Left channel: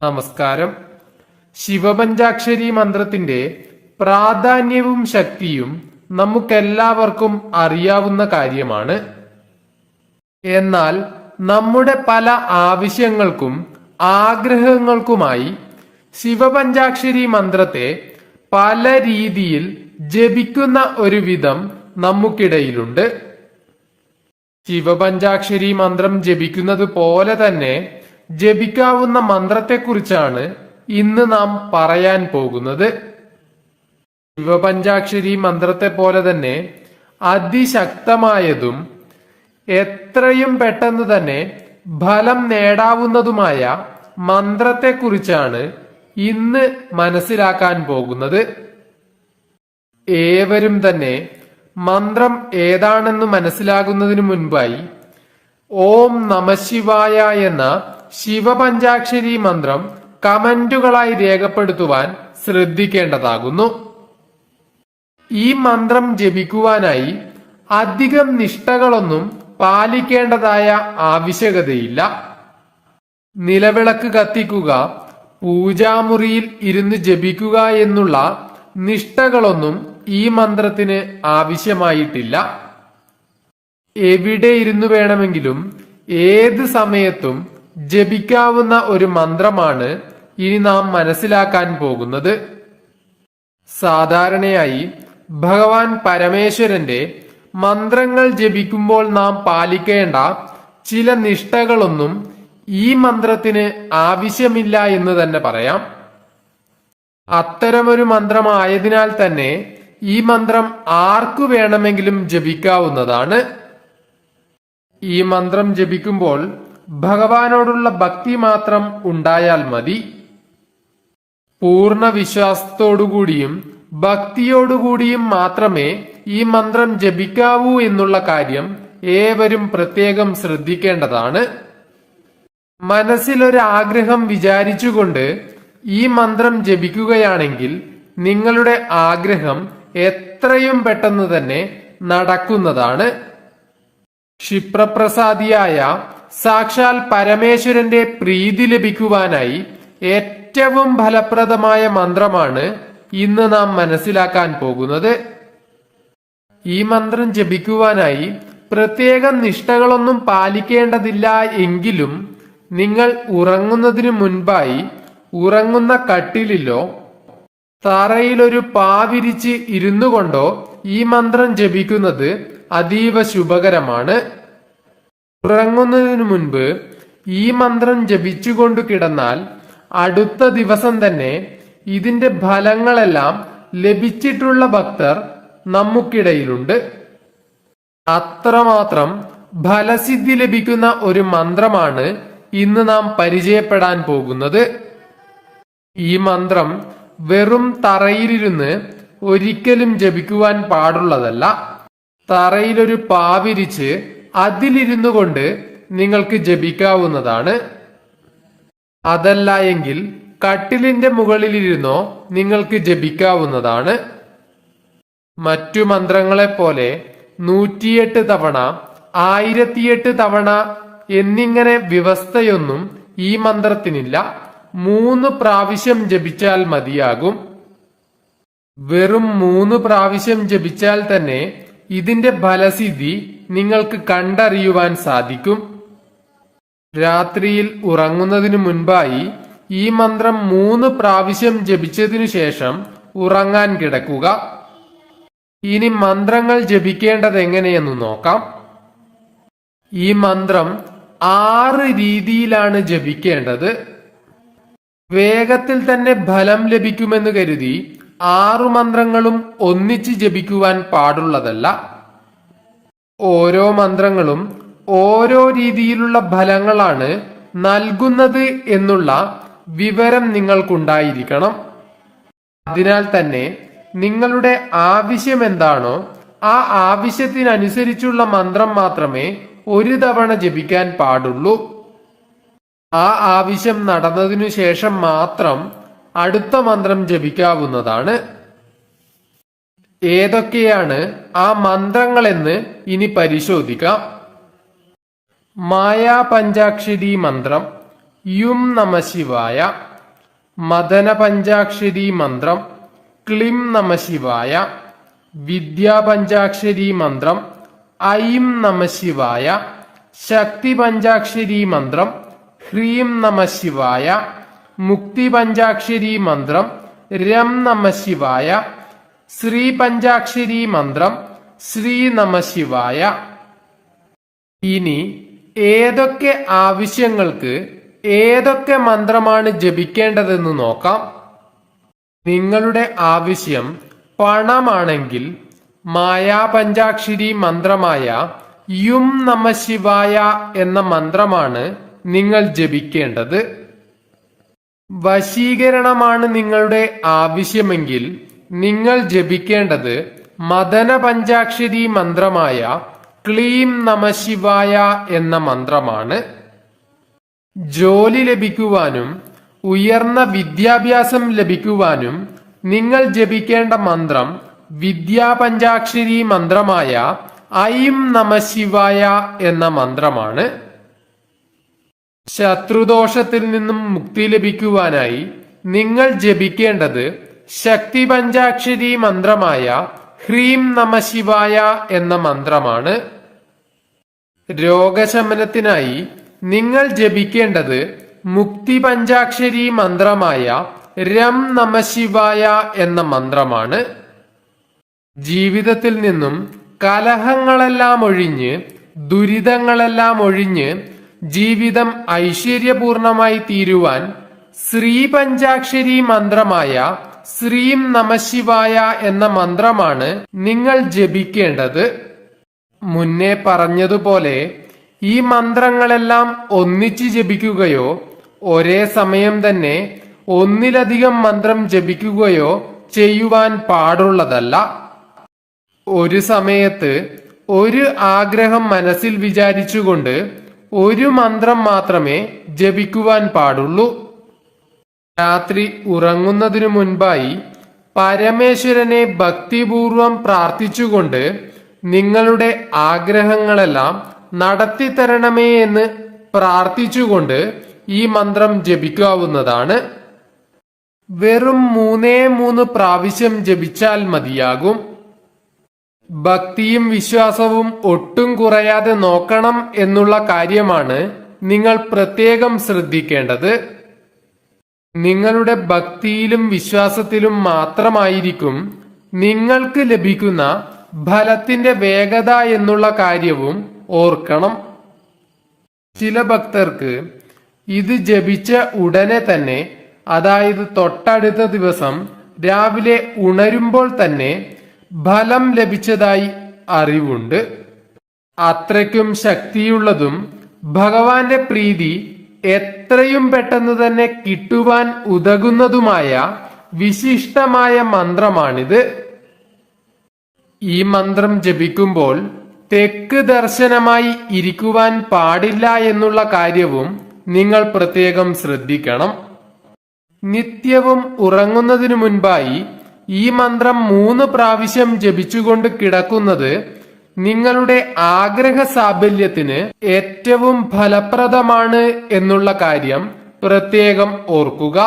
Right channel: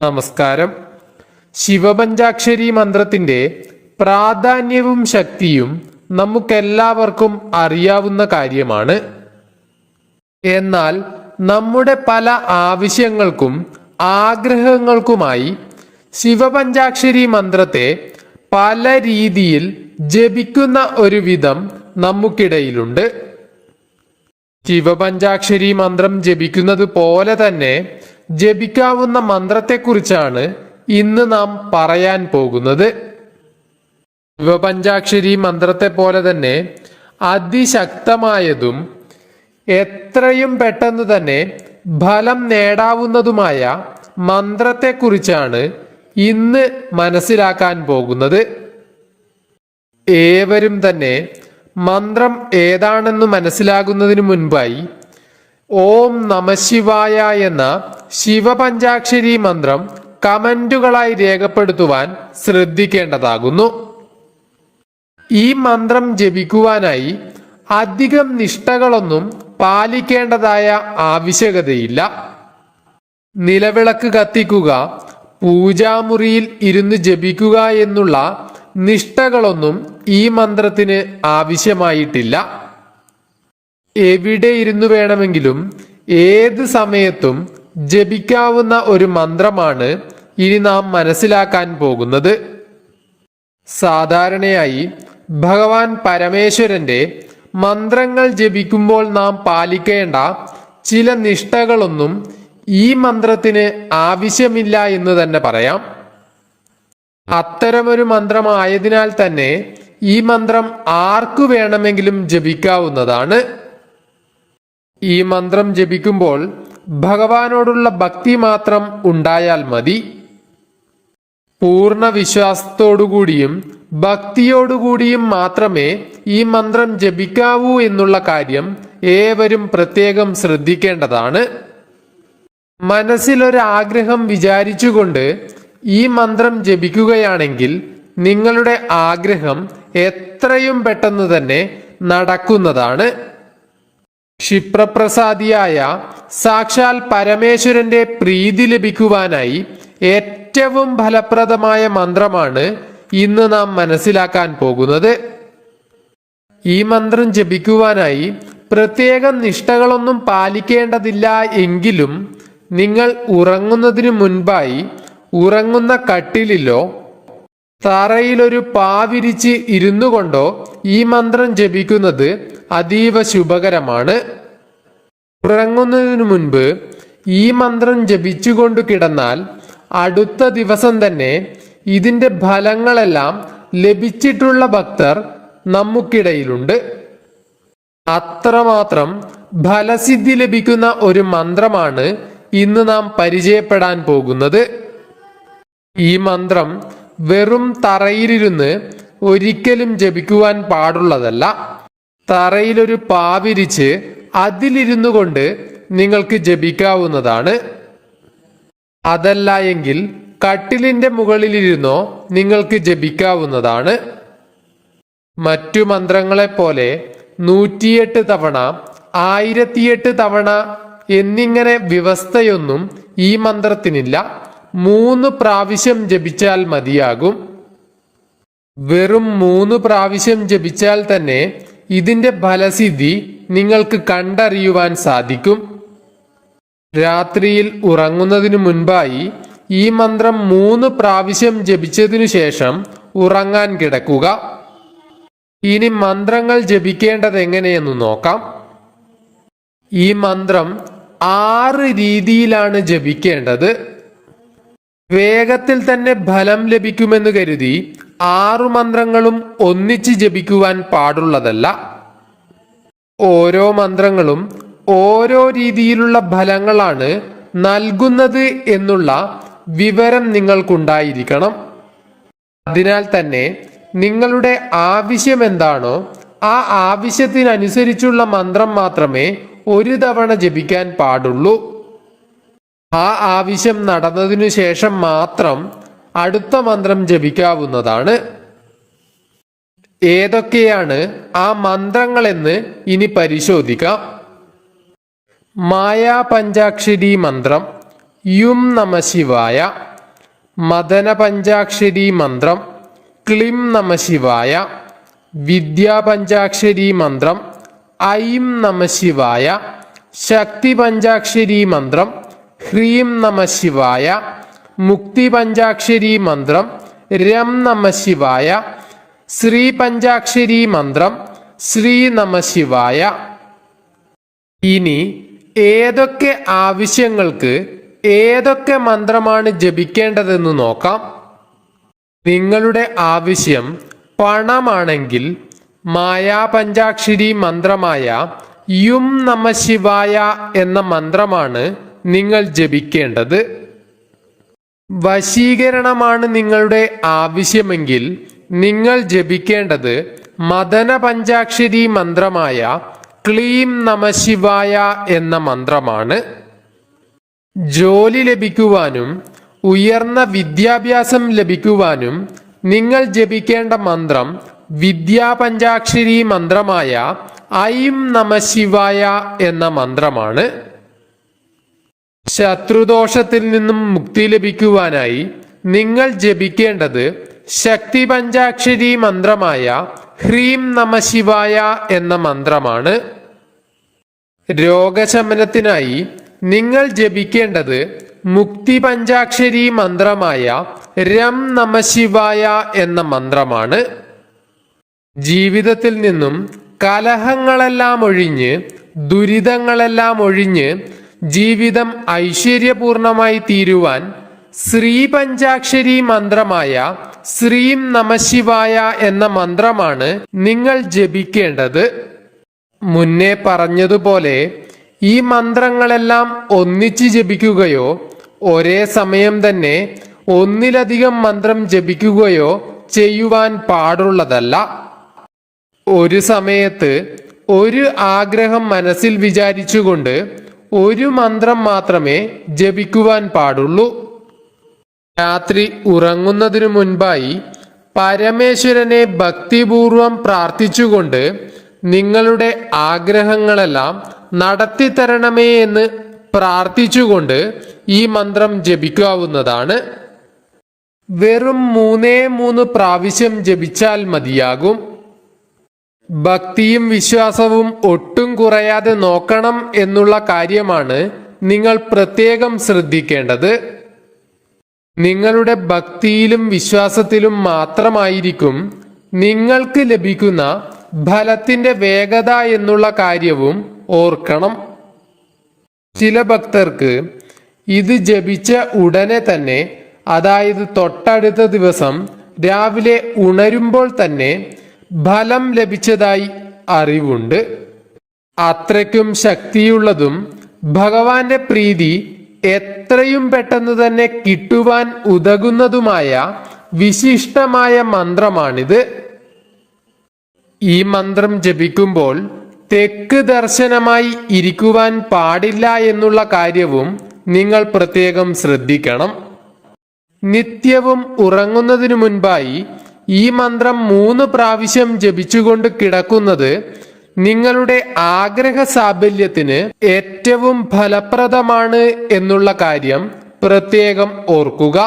നമസ്കാരം. ശിവപഞ്ചാക്ഷരി മന്ത്രത്തിന്റെ പ്രാധാന്യവും ശക്തിയും നമുക്കെല്ലാവർക്കും അറിയാവുന്ന കാര്യമാണ്. എന്നാൽ നമ്മുടെ പല ആവശ്യങ്ങൾക്കും ആഗ്രഹങ്ങൾക്കുമായി ശിവപഞ്ചാക്ഷരി മന്ത്രത്തെ പല രീതിയിൽ ജപിക്കുന്ന ഒരു വിധം നമുക്കിടയിലുണ്ട്. ശിവപഞ്ചാക്ഷരി മന്ത്രം ജപിക്കുന്നത് പോലെ തന്നെ ജപിക്കാവുന്ന മന്ത്രത്തെക്കുറിച്ചാണ് ഇന്ന് നാം പറയാൻ പോകുന്നത്. ശിവപഞ്ചാക്ഷരി മന്ത്രത്തെ പോലെ തന്നെ അതിശക്തമായതും എത്രയും പെട്ടെന്ന് തന്നെ ഫലം നേടാവുന്നതുമായ മന്ത്രത്തെക്കുറിച്ചാണ് ഇന്ന് മനസ്സിലാക്കാൻ പോകുന്നത്. ഏവരും തന്നെ മന്ത്രം ഏതാണെന്ന് മനസ്സിലാകുന്നതിന് മുൻപായി ഓം നമഃശിവായ എന്ന ശിവപഞ്ചാക്ഷരി മന്ത്രം കമന്റുകളായി രേഖപ്പെടുത്തുവാൻ ശ്രദ്ധിക്കേണ്ടതാകുന്നു. ഈ മന്ത്രം ജപിക്കുവാനായി അധികം നിഷ്ഠകളൊന്നും പാലിക്കേണ്ടതായ ആവശ്യകതയില്ല. നിലവിളക്ക് കത്തിക്കുക, പൂജാമുറിയിൽ ഇരുന്ന് ജപിക്കുക എന്നുള്ള നിഷ്ഠകളൊന്നും ഈ മന്ത്രത്തിന് ആവശ്യമായിട്ടില്ല. എവിടെ ഇരുന്നു വേണമെങ്കിലും ഏത് സമയത്തും ജപിക്കാവുന്ന ഒരു മന്ത്രമാണ് ഇനി നാം മനസ്സിലാക്കാൻ പോകുന്നത്. സാധാരണയായി ഭഗവാൻ പരമേശ്വരന്റെ മന്ത്രങ്ങൾ ജപിക്കുമ്പോൾ നാം പാലിക്കേണ്ട ചില നിഷ്ഠകളൊന്നും ഈ മന്ത്രത്തിന് ആവശ്യമില്ല എന്ന് തന്നെ പറയാം. അത്തരമൊരു മന്ത്രമായതിനാൽ തന്നെ ഈ മന്ത്രം ആർക്കു വേണമെങ്കിലും ജപിക്കാവുന്നതാണ്. ഈ മന്ത്രം ജപിക്കുമ്പോൾ ഭഗവാനോടുള്ള ഭക്തി മാത്രം ഉണ്ടായാൽ മതി. പൂർണ്ണ വിശ്വാസത്തോടുകൂടിയും ഭക്തിയോടുകൂടിയും മാത്രമേ ഈ മന്ത്രം ജപിക്കാവൂ എന്നുള്ള കാര്യം ഏവരും പ്രത്യേകം ശ്രദ്ധിക്കേണ്ടതാണ്. മനസ്സിലൊരാഗ്രഹം വിചാരിച്ചുകൊണ്ട് ഈ മന്ത്രം ജപിക്കുകയാണെങ്കിൽ നിങ്ങളുടെ ആഗ്രഹം എത്രയും പെട്ടെന്ന് തന്നെ നടക്കുന്നതാണ്. ക്ഷിപ്രപ്രസാദിയായ സാക്ഷാൽ പരമേശ്വരന്റെ പ്രീതി ലഭിക്കുവാനായി ഏറ്റവും ഫലപ്രദമായ മന്ത്രമാണ് ഇന്ന് നാം മനസ്സിലാക്കാൻ പോകുന്നത്. ഈ മന്ത്രം ജപിക്കുവാനായി പ്രത്യേകം നിഷ്ഠകളൊന്നും പാലിക്കേണ്ടതില്ല എങ്കിലും നിങ്ങൾ ഉറങ്ങുന്നതിനു മുൻപായി ഉറങ്ങുന്ന കട്ടിലിലോ തറയിലൊരു പാവിരിച്ച് ഇരുന്നു കൊണ്ടോ ഈ മന്ത്രം ജപിക്കുന്നത് അതീവ ശുഭകരമാണ്. ഉറങ്ങുന്നതിനു മുൻപ് ഈ മന്ത്രം ജപിച്ചുകൊണ്ട് കിടന്നാൽ അടുത്ത ദിവസം തന്നെ ഇതിന്റെ ഫലങ്ങളെല്ലാം ലഭിച്ചിട്ടുള്ള ഭക്തർ നമുക്കിടയിലുണ്ട്. അത്രമാത്രം ഫലസിദ്ധി ലഭിക്കുന്ന ഒരു മന്ത്രമാണ് ഇന്ന് നാം പരിചയപ്പെടാൻ പോകുന്നത്. ഈ മന്ത്രം വെറും തറയിലിരുന്ന് ഒരിക്കലും ജപിക്കുവാൻ പാടുള്ളതല്ല. തറയിലൊരു പാവിരിച്ച് അതിലിരുന്നു കൊണ്ട് നിങ്ങൾക്ക് ജപിക്കാവുന്നതാണ്. അതല്ല എങ്കിൽ കട്ടിലിന്റെ മുകളിലിരുന്നോ നിങ്ങൾക്ക് ജപിക്കാവുന്നതാണ്. മറ്റു മന്ത്രങ്ങളെപ്പോലെ 108 തവണ 1008 തവണ എന്നിങ്ങനെ വ്യവസ്ഥയൊന്നും ഈ മന്ത്രത്തിനില്ല. 3 പ്രാവശ്യം ജപിച്ചാൽ മതിയാകും. വെറും 3 പ്രാവശ്യം ജപിച്ചാൽ തന്നെ ഇതിന്റെ ഫലസിദ്ധി നിങ്ങൾക്ക് കണ്ടറിയുവാൻ സാധിക്കും. രാത്രിയിൽ ഉറങ്ങുന്നതിനു മുൻപായി ഈ മന്ത്രം 3 പ്രാവശ്യം ജപിച്ചതിനു ശേഷം ഉറങ്ങാൻ കിടക്കുക. ഇനി മന്ത്രങ്ങൾ ജപിക്കേണ്ടത് എങ്ങനെയെന്ന് നോക്കാം. ഈ മന്ത്രം 6 രീതിയിലാണ് ജപിക്കേണ്ടത്. വേഗത്തിൽ തന്നെ ഫലം ലഭിക്കുമെന്ന് കരുതി 6 മന്ത്രങ്ങളും ഒന്നിച്ച് ജപിക്കുവാൻ പാടുള്ളതല്ല. ഓരോ മന്ത്രങ്ങളും ഓരോ രീതിയിലുള്ള ഫലങ്ങളാണ് നൽകുന്നത് എന്നുള്ള വിവരം നിങ്ങൾക്കുണ്ടായിരിക്കണം. അതിനാൽ തന്നെ നിങ്ങളുടെ ആവശ്യം എന്താണോ ആ ആവശ്യത്തിനനുസരിച്ചുള്ള മന്ത്രം മാത്രമേ ഒരു തവണ ജപിക്കാൻ പാടുള്ളൂ. ആ ആവശ്യം നടന്നതിനു ശേഷം മാത്രം അടുത്ത മന്ത്രം ജപിക്കാവുന്നതാണ്. ഏതൊക്കെയാണ് ആ മന്ത്രങ്ങളെന്ന് ഇനി പരിശോധിക്കാം. മായാ പഞ്ചാക്ഷരി മന്ത്രം യും നമഃശിവായ. മദന പഞ്ചാക്ഷരി മന്ത്രം ക്ലിം നമഃശിവായ, വിദ്യാ പഞ്ചാക്ഷരി മന്ത്രം ഐം നമഃശിവായ, ശക്തി പഞ്ചാക്ഷരി മന്ത്രം ഹ്രീം നമഃശിവായ, മുക്തി പഞ്ചാക്ഷരി മന്ത്രം രം നമഃശിവായ, ശ്രീ പഞ്ചാക്ഷരി മന്ത്രം ശ്രീ നമഃശിവായ. ഇനി ഏതൊക്കെ ആവശ്യങ്ങൾക്ക് ഏതൊക്കെ മന്ത്രമാണ് ജപിക്കേണ്ടതെന്ന് നോക്കാം. നിങ്ങളുടെ ആവശ്യം പണമാണെങ്കിൽ മായാ പഞ്ചാക്ഷരി മന്ത്രമായ യും നമഃശിവായ എന്ന മന്ത്രമാണ് നിങ്ങൾ ജപിക്കേണ്ടത്. വശീകരണമാണ് നിങ്ങളുടെ ആവശ്യമെങ്കിൽ നിങ്ങൾ ജപിക്കേണ്ടത് മദന പഞ്ചാക്ഷരി മന്ത്രമായ ക്ലീം നമഃശിവായ എന്ന മന്ത്രമാണ്. ജോലി ലഭിക്കുവാനും ഉയർന്ന വിദ്യാഭ്യാസം ലഭിക്കുവാനും നിങ്ങൾ ജപിക്കേണ്ട മന്ത്രം വിദ്യാ പഞ്ചാക്ഷരി മന്ത്രമായ ഐം നമഃശിവായ എന്ന മന്ത്രമാണ്. ശത്രുദോഷത്തിൽ നിന്നും മുക്തി ലഭിക്കുവാനായി നിങ്ങൾ ജപിക്കേണ്ടത് ശക്തി പഞ്ചാക്ഷരി മന്ത്രമായ ഹ്രീം നമഃശിവായ എന്ന മന്ത്രമാണ്. രോഗശമനത്തിനായി നിങ്ങൾ ജപിക്കേണ്ടത് മുക്തി പഞ്ചാക്ഷരി മന്ത്രമായ രം നമഃശിവായ എന്ന മന്ത്രമാണ്. ജീവിതത്തിൽ നിന്നും കലഹങ്ങളെല്ലാം ഒഴിഞ്ഞ് ദുരിതങ്ങളെല്ലാം ഒഴിഞ്ഞ് ജീവിതം ഐശ്വര്യപൂർണമായി തീരുവാൻ ശ്രീ പഞ്ചാക്ഷരി മന്ത്രമായ ശ്രീം നമഃശിവായ എന്ന മന്ത്രമാണ് നിങ്ങൾ ജപിക്കേണ്ടത്. മുന്നേ പറഞ്ഞതുപോലെ ഈ മന്ത്രങ്ങളെല്ലാം ഒന്നിച്ച് ജപിക്കുകയോ ഒരേ സമയം തന്നെ ഒന്നിലധികം മന്ത്രം ജപിക്കുകയോ ചെയ്യുവാൻ പാടുള്ളതല്ല. ഒരു സമയത്ത് ഒരു ആഗ്രഹം മനസ്സിൽ വിചാരിച്ചുകൊണ്ട് ഒരു മന്ത്രം മാത്രമേ ജപിക്കുവാൻ പാടുള്ളൂ. രാത്രി ഉറങ്ങുന്നതിനു മുൻപായി പരമേശ്വരനെ ഭക്തിപൂർവം പ്രാർത്ഥിച്ചുകൊണ്ട് നിങ്ങളുടെ ആഗ്രഹങ്ങളെല്ലാം നടത്തിത്തരണമേ എന്ന് പ്രാർത്ഥിച്ചുകൊണ്ട് ഈ മന്ത്രം ജപിക്കാവുന്നതാണ്. വെറും 3 പ്രാവശ്യം ജപിച്ചാൽ മതിയാകും. ഭക്തിയും വിശ്വാസവും ഒട്ടും കുറയാതെ നോക്കണം എന്നുള്ള കാര്യമാണ് നിങ്ങൾ പ്രത്യേകം ശ്രദ്ധിക്കേണ്ടത്. നിങ്ങളുടെ ഭക്തിയിലും വിശ്വാസത്തിലും മാത്രമായിരിക്കും നിങ്ങൾക്ക് ലഭിക്കുന്ന ഫലത്തിന്റെ വേഗത എന്നുള്ള കാര്യവും ഓർക്കണം. ചില ഭക്തർക്ക് ഇത് ജപിച്ച ഉടനെ തന്നെ, അതായത് തൊട്ടടുത്ത ദിവസം രാവിലെ ഉണരുമ്പോൾ തന്നെ ഫലം ലഭിച്ചതായി അറിവുണ്ട്. അത്രയ്ക്കും ശക്തിയുള്ളതും ഭഗവാന്റെ പ്രീതി എത്രയും പെട്ടെന്ന് തന്നെ കിട്ടുവാൻ ഉതകുന്നതുമായ വിശിഷ്ടമായ മന്ത്രമാണിത്. ഈ മന്ത്രം ജപിക്കുമ്പോൾ തെക്ക് ദർശനമായി ഇരിക്കുവാൻ പാടില്ല എന്നുള്ള കാര്യവും നിങ്ങൾ പ്രത്യേകം ശ്രദ്ധിക്കണം. നിത്യവും ഉറങ്ങുന്നതിനു മുൻപായി ഈ മന്ത്രം 3 പ്രാവശ്യം ജപിച്ചുകൊണ്ട് കിടക്കുന്നത് നിങ്ങളുടെ ആഗ്രഹ സാഫല്യത്തിന് ഏറ്റവും ഫലപ്രദമാണ് എന്നുള്ള കാര്യം പ്രത്യേകം ഓർക്കുക.